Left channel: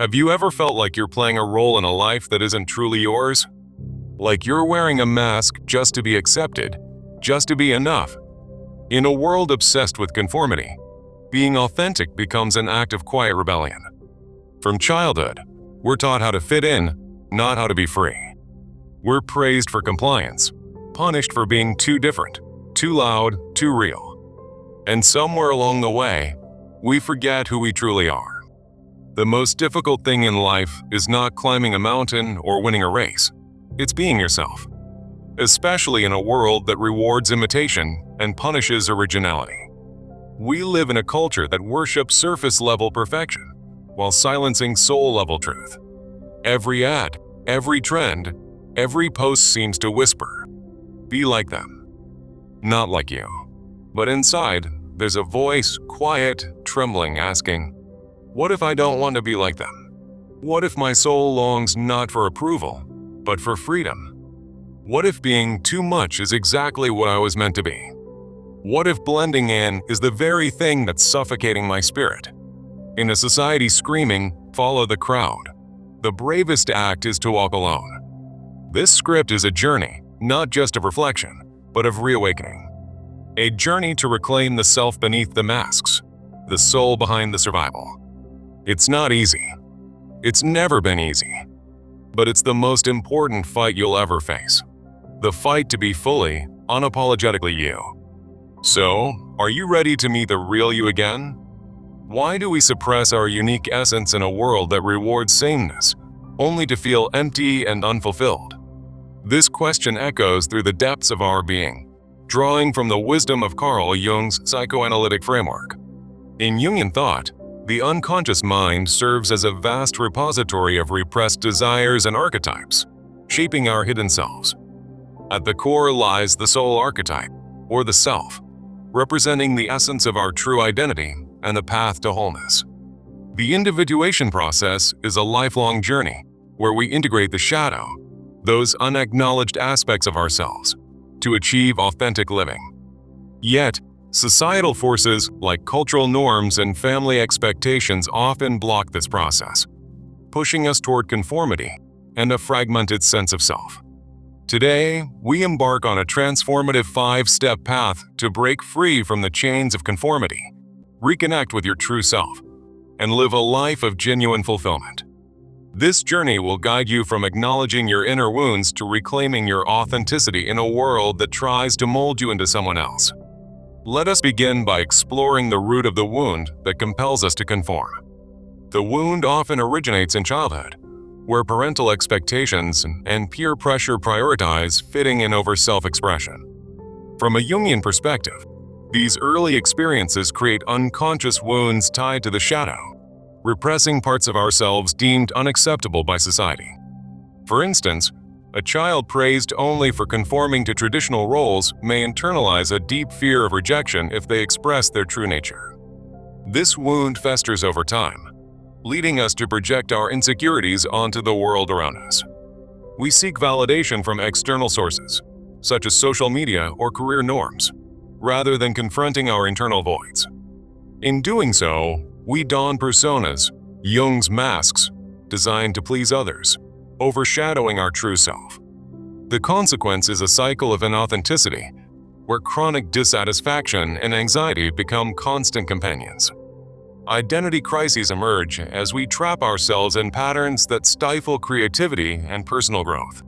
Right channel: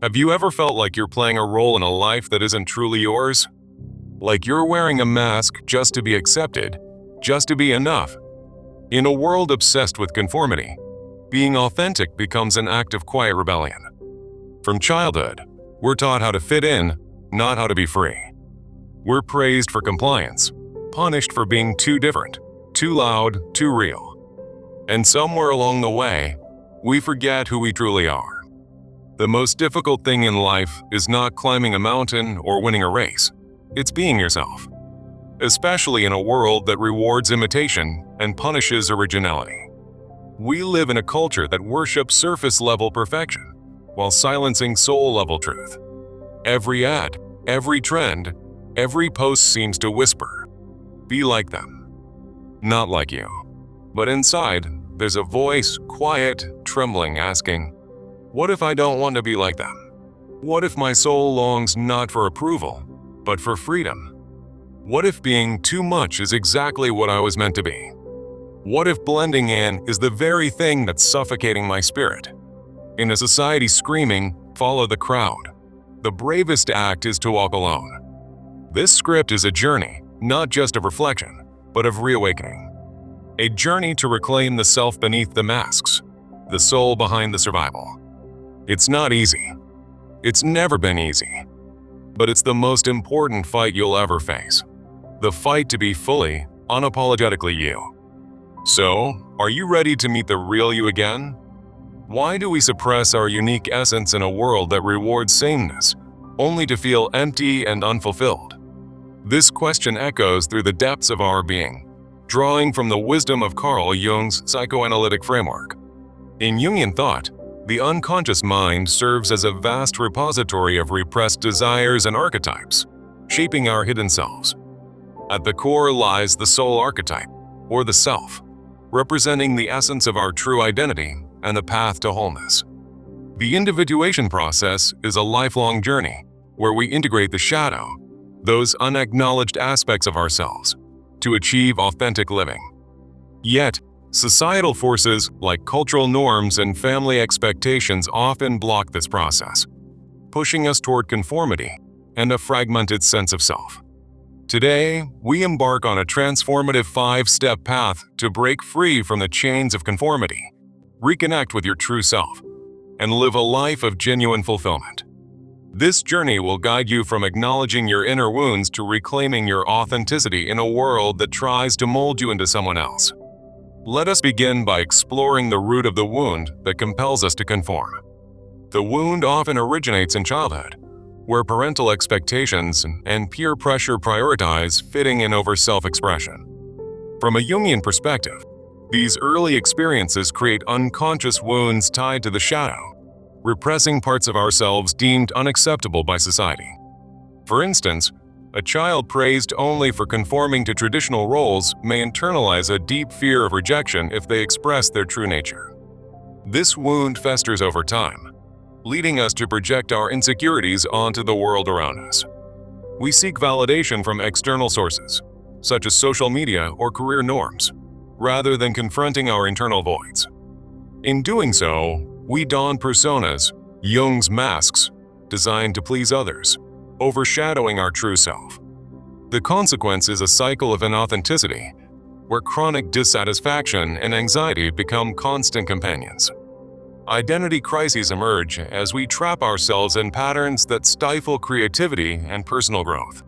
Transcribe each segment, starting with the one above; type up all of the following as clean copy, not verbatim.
Have you ever felt like you're playing a role in a life that isn't truly yours? Like you're wearing a mask just to be accepted, just to be enough? In a world obsessed with conformity, being authentic becomes an act of quiet rebellion. From childhood, we're taught how to fit in, not how to be free. We're praised for compliance, punished for being too different, too loud, too real. And somewhere along the way, we forget who we truly are. The most difficult thing in life is not climbing a mountain or winning a race. It's being yourself. Especially in a world that rewards imitation and punishes originality. We live in a culture that worships surface-level perfection while silencing soul-level truth. Every ad, every trend, every post seems to whisper, "Be like them." Not like you. But inside, there's a voice, quiet, trembling, asking, "What if I don't want to be like them? What if my soul longs not for approval, but for freedom? What if being too much is exactly what I was meant to be? What if blending in is the very thing that's suffocating my spirit?" In a society screaming, "Follow the crowd," the bravest act is to walk alone. This script is a journey, not just of reflection, but of reawakening. A journey to reclaim the self beneath the masks, the soul behind the survival. It's not easy. It's never been easy. But it's the most important fight you'll ever face. The fight to be fully, unapologetically you. So, are you ready to meet the real you again? Why do we suppress our unique essence in a world that rewards sameness, only to feel empty and unfulfilled? This question echoes through the depths of our being, drawing from the wisdom of Carl Jung's psychoanalytic framework. In Jungian thought, the unconscious mind serves as a vast repository of repressed desires and archetypes, shaping our hidden selves. At the core lies the soul archetype, or the self, representing the essence of our true identity and the path to wholeness. The individuation process is a lifelong journey where we integrate the shadow, those unacknowledged aspects of ourselves, to achieve authentic living. Yet, societal forces like cultural norms and family expectations often block this process, pushing us toward conformity and a fragmented sense of self. Today, we embark on a transformative 5-step path to break free from the chains of conformity, reconnect with your true self, and live a life of genuine fulfillment. This journey will guide you from acknowledging your inner wounds to reclaiming your authenticity in a world that tries to mold you into someone else. Let us begin by exploring the root of the wound that compels us to conform. The wound often originates in childhood, where parental expectations and peer pressure prioritize fitting in over self-expression. From a Jungian perspective, these early experiences create unconscious wounds tied to the shadow, repressing parts of ourselves deemed unacceptable by society. For instance, a child praised only for conforming to traditional roles may internalize a deep fear of rejection if they express their true nature. This wound festers over time, leading us to project our insecurities onto the world around us. We seek validation from external sources, such as social media or career norms, rather than confronting our internal voids. In doing so, we don personas, Jung's masks, designed to please others, overshadowing our true self. The consequence is a cycle of inauthenticity, where chronic dissatisfaction and anxiety become constant companions. Identity crises emerge as we trap ourselves in patterns that stifle creativity and personal growth.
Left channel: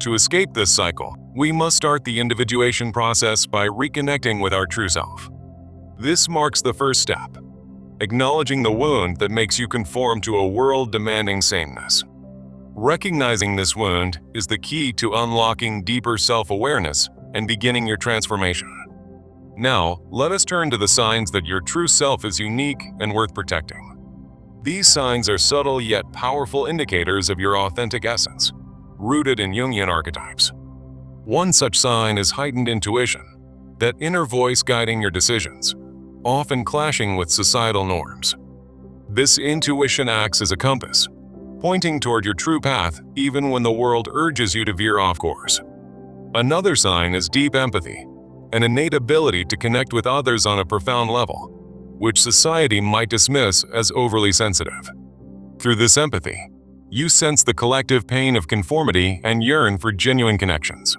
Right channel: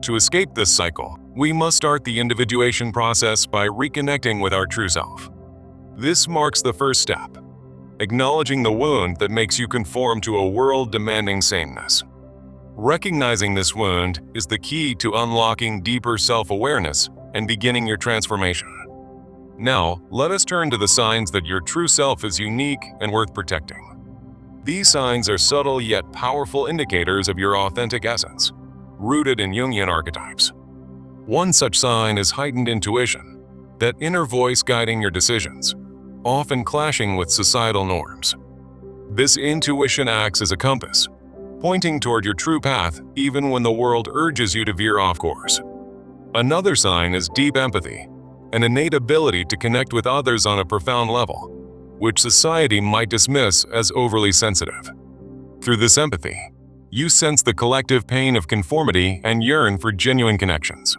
To escape this cycle, we must start the individuation process by reconnecting with our true self. This marks the first step, acknowledging the wound that makes you conform to a world demanding sameness. Recognizing this wound is the key to unlocking deeper self-awareness and beginning your transformation. Now, let us turn to the signs that your true self is unique and worth protecting. These signs are subtle yet powerful indicators of your authentic essence, rooted in Jungian archetypes. One such sign is heightened intuition, that inner voice guiding your decisions, often clashing with societal norms. This intuition acts as a compass, pointing toward your true path even when the world urges you to veer off course. Another sign is deep empathy, an innate ability to connect with others on a profound level, which society might dismiss as overly sensitive. Through this empathy, you sense the collective pain of conformity and yearn for genuine connections.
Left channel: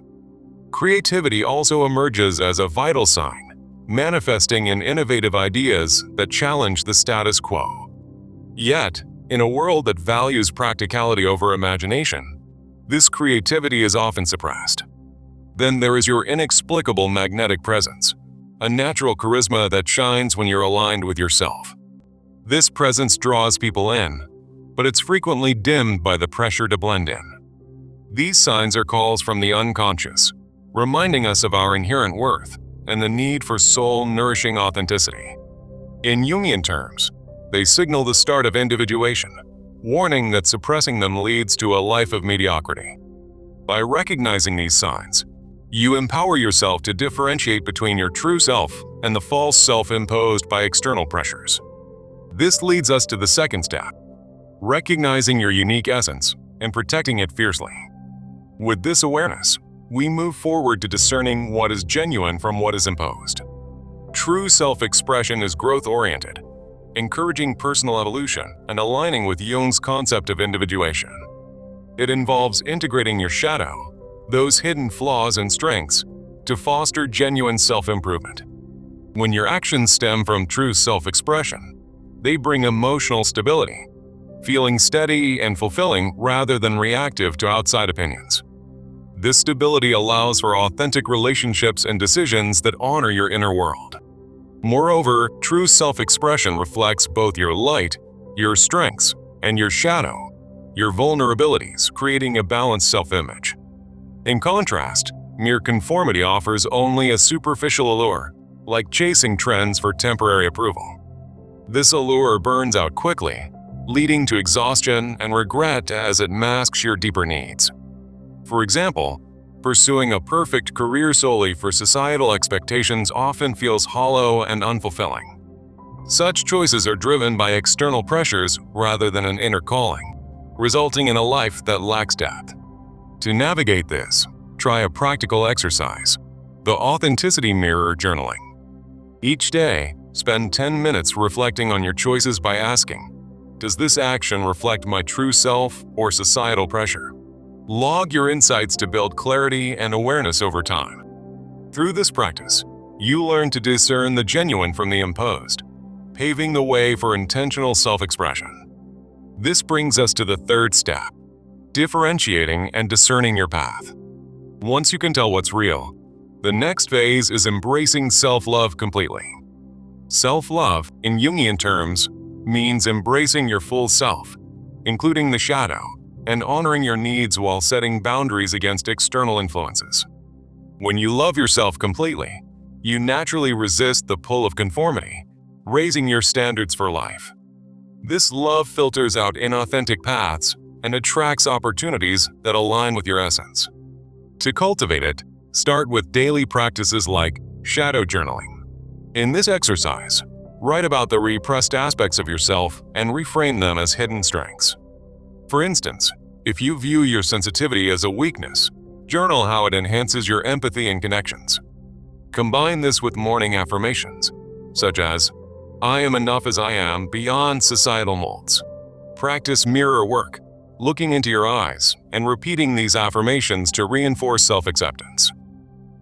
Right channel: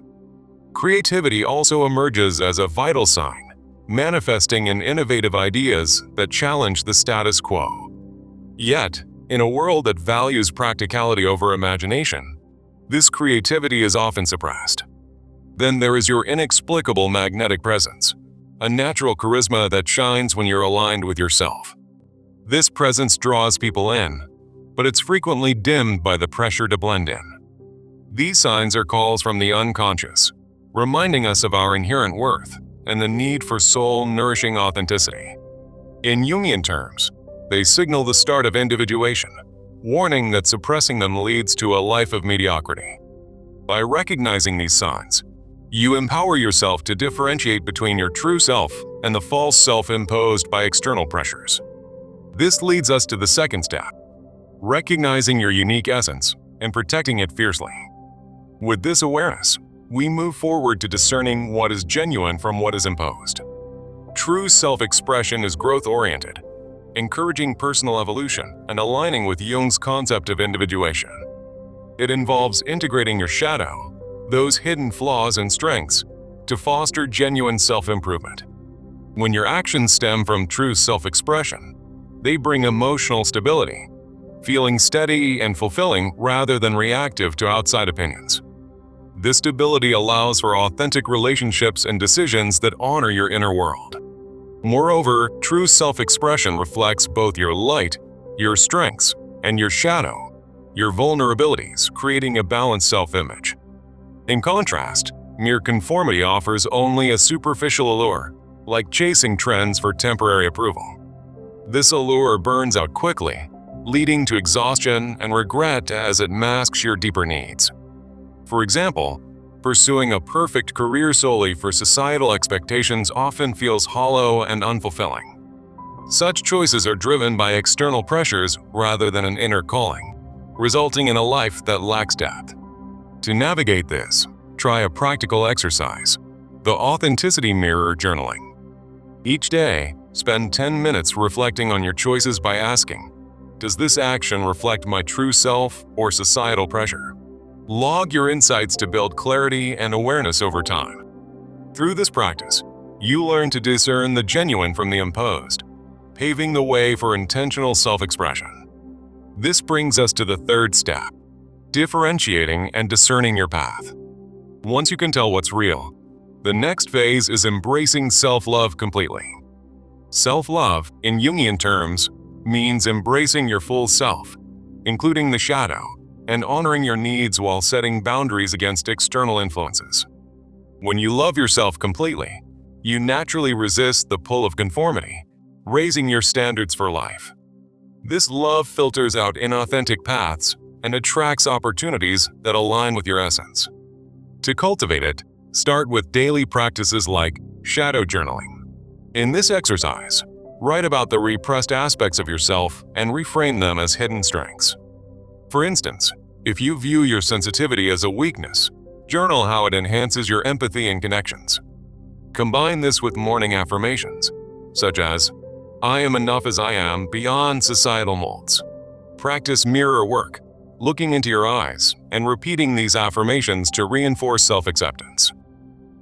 Creativity also emerges as a vital sign, manifesting in innovative ideas that challenge the status quo. Yet, in a world that values practicality over imagination, this creativity is often suppressed. Then there is your inexplicable magnetic presence, a natural charisma that shines when you're aligned with yourself. This presence draws people in, but it's frequently dimmed by the pressure to blend in. These signs are calls from the unconscious, reminding us of our inherent worth and the need for soul-nourishing authenticity. In Jungian terms, they signal the start of individuation, warning that suppressing them leads to a life of mediocrity. By recognizing these signs, you empower yourself to differentiate between your true self and the false self imposed by external pressures. This leads us to the second step, recognizing your unique essence and protecting it fiercely. With this awareness, we move forward to discerning what is genuine from what is imposed. True self-expression is growth-oriented, encouraging personal evolution and aligning with Jung's concept of individuation. It involves integrating your shadow, those hidden flaws and strengths, to foster genuine self-improvement. When your actions stem from true self-expression, they bring emotional stability, feeling steady and fulfilling rather than reactive to outside opinions. This stability allows for authentic relationships and decisions that honor your inner world. Moreover, true self-expression reflects both your light, your strengths, and your shadow, your vulnerabilities, creating a balanced self-image. In contrast, mere conformity offers only a superficial allure, like chasing trends for temporary approval. This allure burns out quickly, leading to exhaustion and regret as it masks your deeper needs. For example, pursuing a perfect career solely for societal expectations often feels hollow and unfulfilling. Such choices are driven by external pressures rather than an inner calling, resulting in a life that lacks depth. To navigate this, try a practical exercise, the authenticity mirror journaling. Each day, spend 10 minutes reflecting on your choices by asking, does this action reflect my true self or societal pressure? Log your insights to build clarity and awareness over time. Through this practice, you learn to discern the genuine from the imposed, paving the way for intentional self-expression. This brings us to the third step, differentiating and discerning your path. Once you can tell what's real, the next phase is embracing self-love completely. Self-love, in Jungian terms, means embracing your full self, including the shadow, and honoring your needs while setting boundaries against external influences. When you love yourself completely, you naturally resist the pull of conformity, raising your standards for life. This love filters out inauthentic paths and attracts opportunities that align with your essence. To cultivate it, start with daily practices like shadow journaling. In this exercise, write about the repressed aspects of yourself and reframe them as hidden strengths. For instance, if you view your sensitivity as a weakness, journal how it enhances your empathy and connections. Combine this with morning affirmations, such as, I am enough as I am beyond societal molds. Practice mirror work, looking into your eyes and repeating these affirmations to reinforce self-acceptance.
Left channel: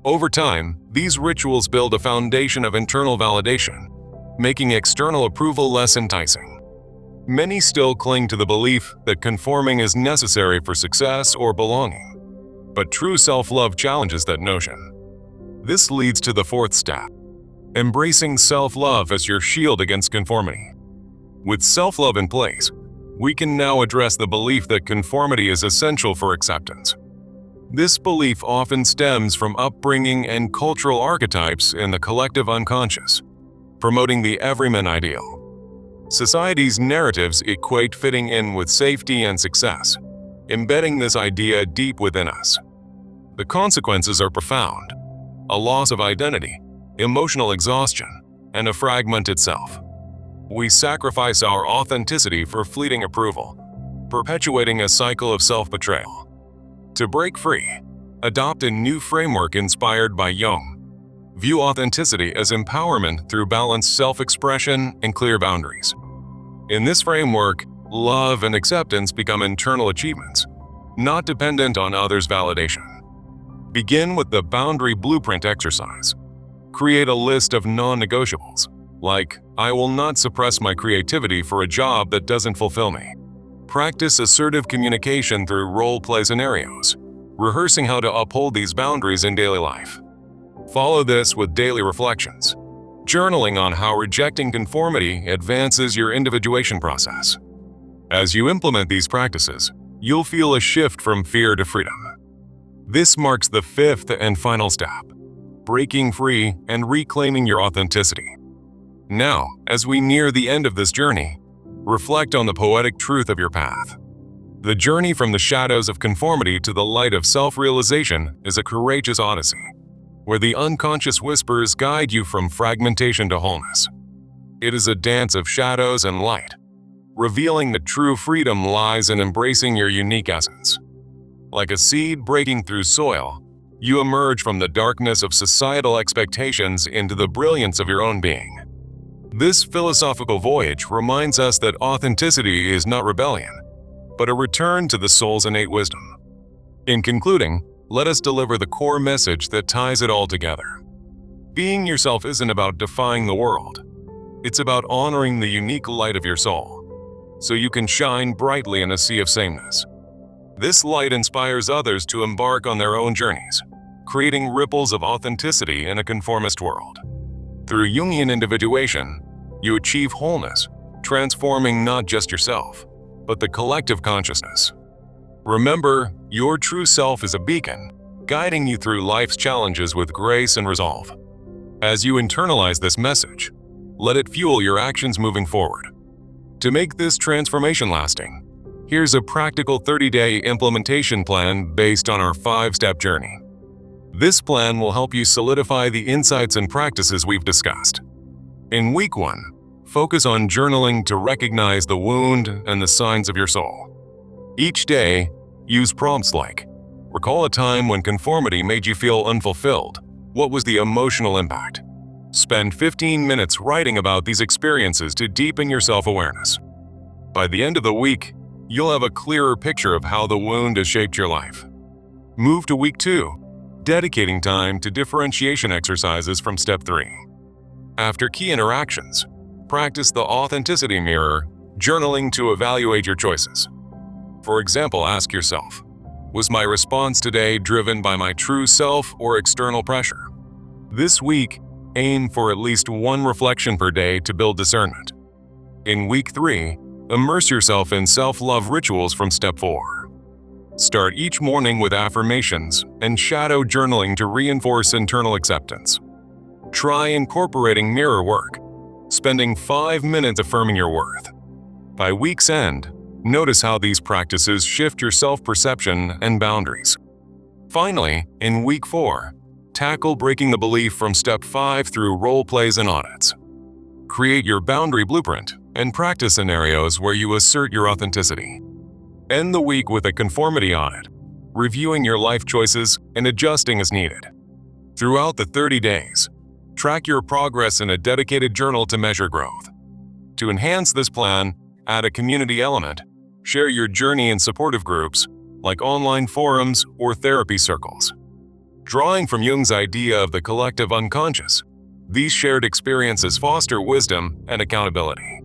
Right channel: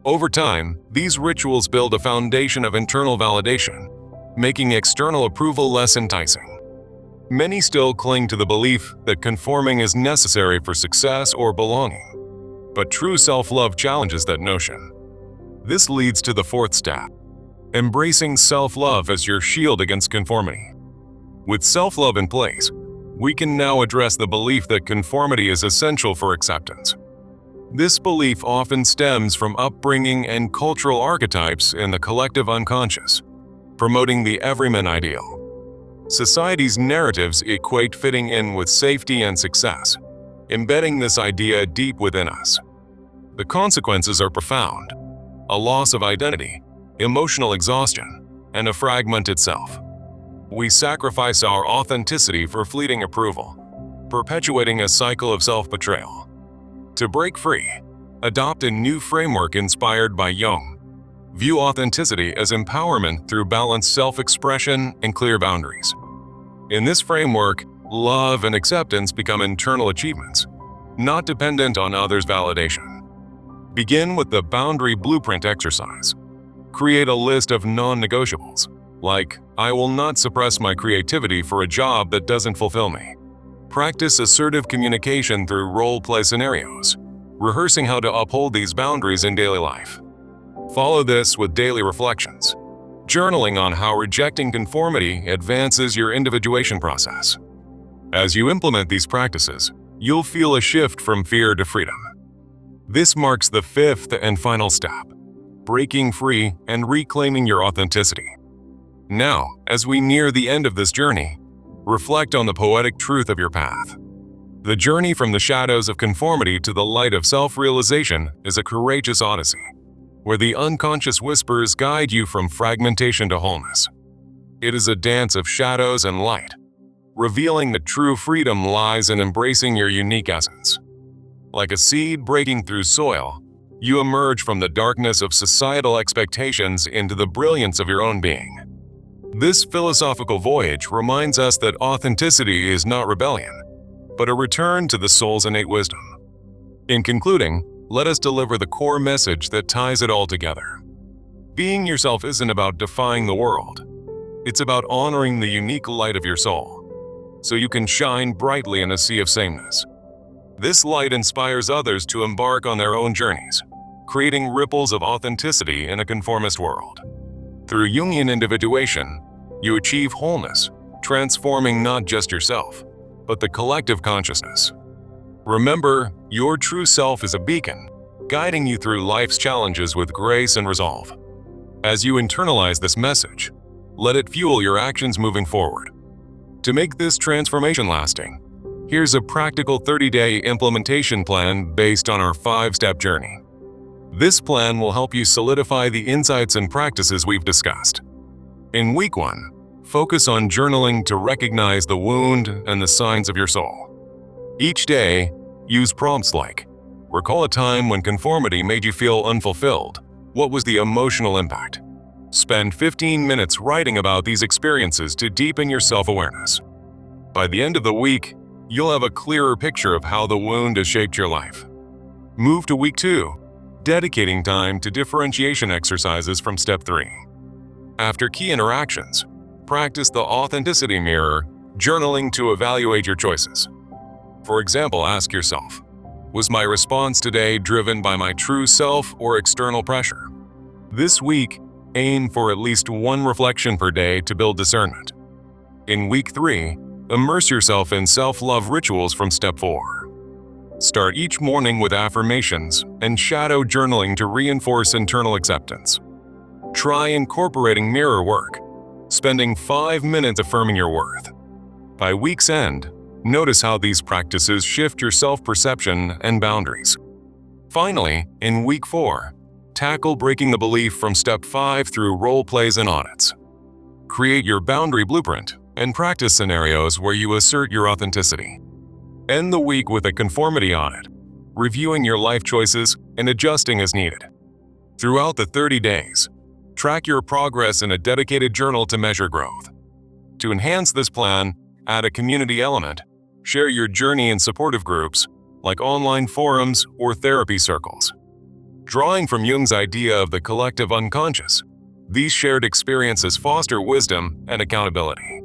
Over time, these rituals build a foundation of internal validation, making external approval less enticing. Many still cling to the belief that conforming is necessary for success or belonging, but true self-love challenges that notion. This leads to the fourth step, embracing self-love as your shield against conformity. With self-love in place, we can now address the belief that conformity is essential for acceptance. This belief often stems from upbringing and cultural archetypes in the collective unconscious, promoting the everyman ideal. Society's narratives equate fitting in with safety and success, embedding this idea deep within us. The consequences are profound: a loss of identity, emotional exhaustion, and a fragmented self. We sacrifice our authenticity for fleeting approval, perpetuating a cycle of self-betrayal. To break free, adopt a new framework inspired by Jung. View authenticity as empowerment through balanced self-expression and clear boundaries. In this framework, Love and acceptance become internal achievements, not dependent on others' validation. Begin with the boundary blueprint exercise. Create a list of non-negotiables, like, I will not suppress my creativity for a job that doesn't fulfill me. Practice assertive communication through role-play scenarios, rehearsing how to uphold these boundaries in daily life. Follow this with daily reflections, journaling on how rejecting conformity advances your individuation process. As you implement these practices, you'll feel a shift from fear to freedom. This marks the fifth and final step, breaking free and reclaiming your authenticity. Now, as we near the end of this journey, reflect on the poetic truth of your path. The journey from the shadows of conformity to the light of self-realization is a courageous odyssey, where the unconscious whispers guide you from fragmentation to wholeness. It is a dance of shadows and light, revealing that true freedom lies in embracing your unique essence. Like a seed breaking through soil, you emerge from the darkness of societal expectations into the brilliance of your own being. This philosophical voyage reminds us that authenticity is not rebellion, but a return to the soul's innate wisdom. In concluding, let us deliver the core message that ties it all together. Being yourself isn't about defying the world. It's about honoring the unique light of your soul, so you can shine brightly in a sea of sameness. This light inspires others to embark on their own journeys, creating ripples of authenticity in a conformist world. Through Jungian individuation, you achieve wholeness, transforming not just yourself, but the collective consciousness. Remember, your true self is a beacon, guiding you through life's challenges with grace and resolve. As you internalize this message, let it fuel your actions moving forward. To make this transformation lasting, here's a practical 30-day implementation plan based on our 5-step journey. This plan will help you solidify the insights and practices we've discussed. In week 1, focus on journaling to recognize the wound and the signs of your soul. Each day, use prompts like, recall a time when conformity made you feel unfulfilled. What was the emotional impact? Spend 15 minutes writing about these experiences to deepen your self-awareness. By the end of the week, you'll have a clearer picture of how the wound has shaped your life. Move to week 2. Dedicating time to differentiation exercises from step 3. After key interactions, practice the authenticity mirror, journaling to evaluate your choices. For example, ask yourself, was my response today driven by my true self or external pressure? This week, aim for at least 1 reflection per day to build discernment. In week 3, immerse yourself in self-love rituals from step 4. Start each morning with affirmations and shadow journaling to reinforce internal acceptance. Try incorporating mirror work, spending 5 minutes affirming your worth. By week's end, notice how these practices shift your self-perception and boundaries. Finally, in week 4, tackle breaking the belief from step 5 through role plays and audits. Create your boundary blueprint and practice scenarios where you assert your authenticity. End the week with a conformity audit, reviewing your life choices and adjusting as needed. Throughout the 30 days, track your progress in a dedicated journal to measure growth. To enhance this plan, add a community element, share your journey in supportive groups, like online forums or therapy circles. Drawing from Jung's idea of the collective unconscious, these shared experiences foster wisdom and accountability.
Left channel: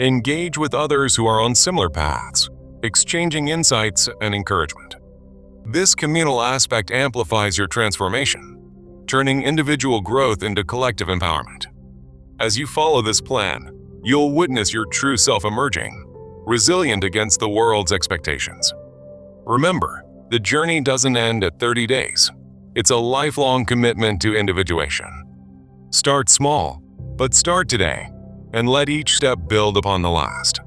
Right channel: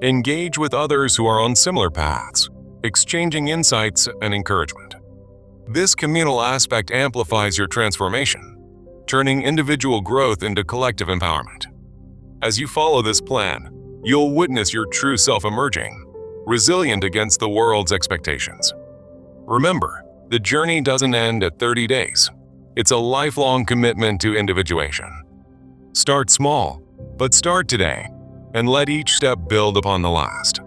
Engage with others who are on similar paths, exchanging insights and encouragement. This communal aspect amplifies your transformation, turning individual growth into collective empowerment. As you follow this plan, you'll witness your true self emerging, resilient against the world's expectations. Remember, the journey doesn't end at 30 days. It's a lifelong commitment to individuation. Start small, but start today, and let each step build upon the last.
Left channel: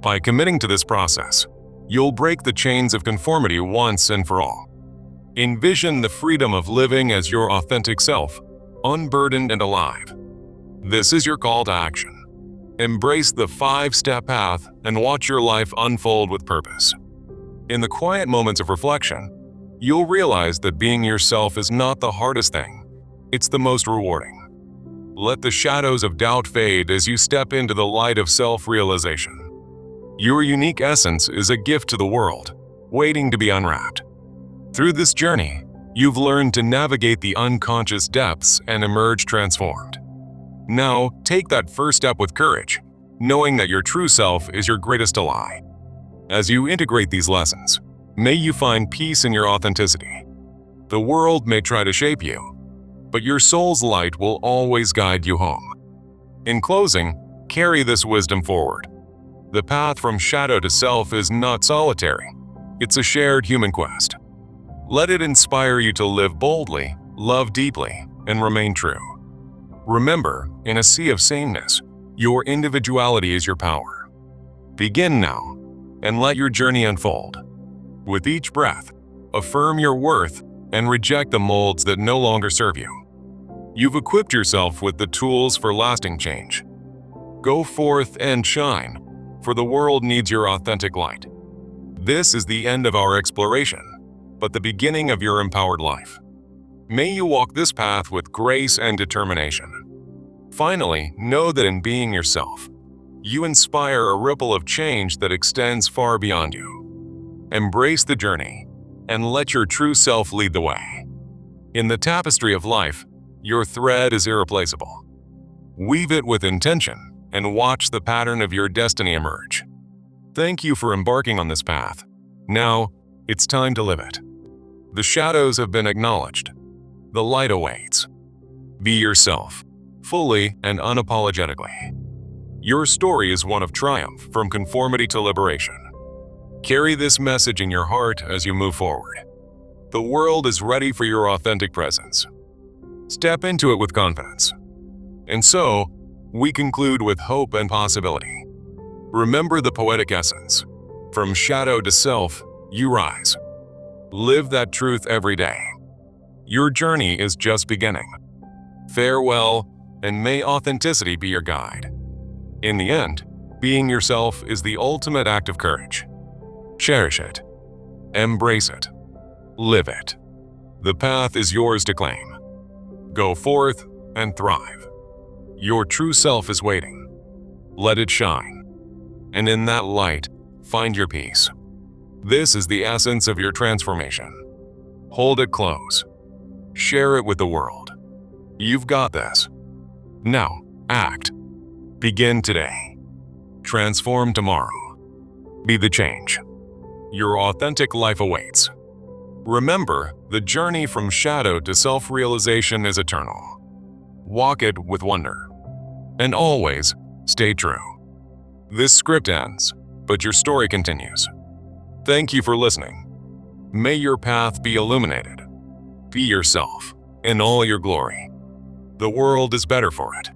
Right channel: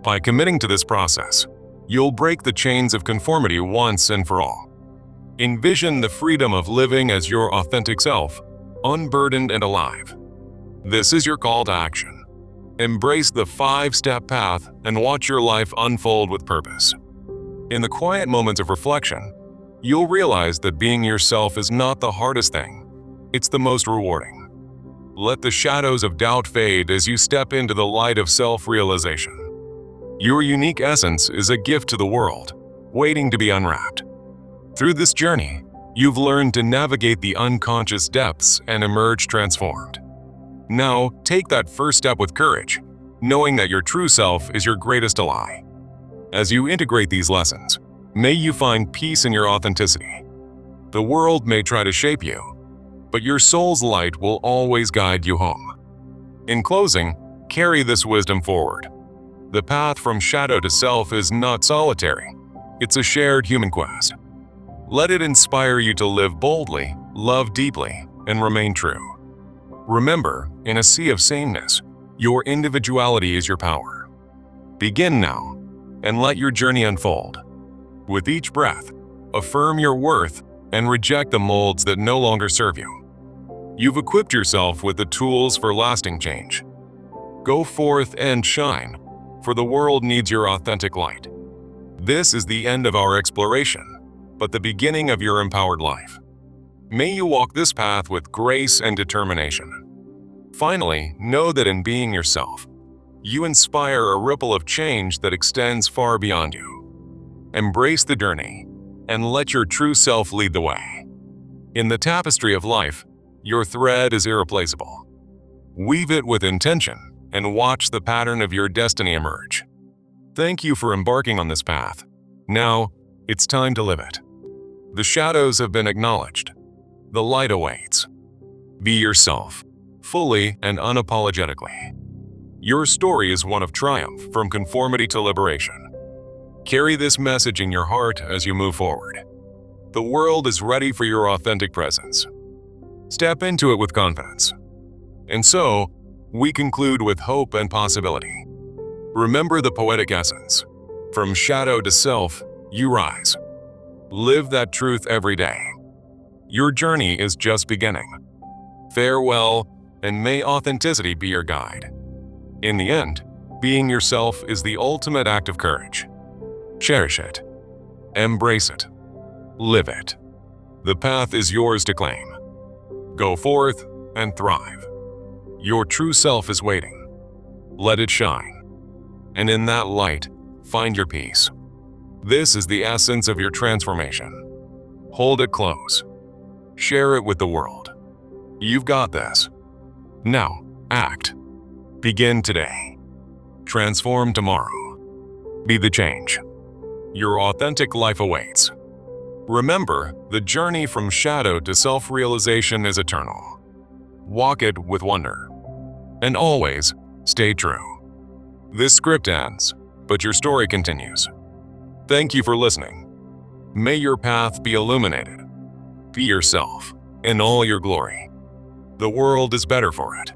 By committing to this process, you'll break the chains of conformity once and for all. Envision the freedom of living as your authentic self, unburdened and alive. This is your call to action. Embrace the 5-step path and watch your life unfold with purpose. In the quiet moments of reflection, you'll realize that being yourself is not the hardest thing. It's the most rewarding. Let the shadows of doubt fade as you step into the light of self-realization. Your unique essence is a gift to the world, waiting to be unwrapped. Through this journey, you've learned to navigate the unconscious depths and emerge transformed. Now, take that first step with courage, knowing that your true self is your greatest ally. As you integrate these lessons, may you find peace in your authenticity. The world may try to shape you, but your soul's light will always guide you home. In closing, carry this wisdom forward. The path from shadow to self is not solitary. It's a shared human quest. Let it inspire you to live boldly, love deeply, and remain true. Remember, in a sea of sameness, your individuality is your power. Begin now, and let your journey unfold. With each breath, affirm your worth and reject the molds that no longer serve you. You've equipped yourself with the tools for lasting change. Go forth and shine, for the world needs your authentic light. This is the end of our exploration, but the beginning of your empowered life. May you walk this path with grace and determination. Finally, know that in being yourself, you inspire a ripple of change that extends far beyond you. Embrace the journey and let your true self lead the way. In the tapestry of life, your thread is irreplaceable. Weave it with intention and watch the pattern of your destiny emerge. Thank you for embarking on this path. Now, it's time to live it. The shadows have been acknowledged. The light awaits. Be yourself, fully and unapologetically. Your story is one of triumph from conformity to liberation. Carry this message in your heart as you move forward. The world is ready for your authentic presence. Step into it with confidence. And so, we conclude with hope and possibility. Remember the poetic essence. From shadow to self, you rise. Live that truth every day. Your journey is just beginning. Farewell, and may authenticity be your guide. In the end, being yourself is the ultimate act of courage. Cherish it. Embrace it. Live it. The path is yours to claim. Go forth and thrive. Your true self is waiting. Let it shine. And in that light, find your peace. This is the essence of your transformation. Hold it close. Share it with the world. You've got this. Now, act. Begin today. Transform tomorrow. Be the change. Your authentic life awaits. Remember, the journey from shadow to self-realization is eternal. Walk it with wonder. And always, stay true. This script ends, but your story continues. Thank you for listening. May your path be illuminated. Be yourself, in all your glory. The world is better for it.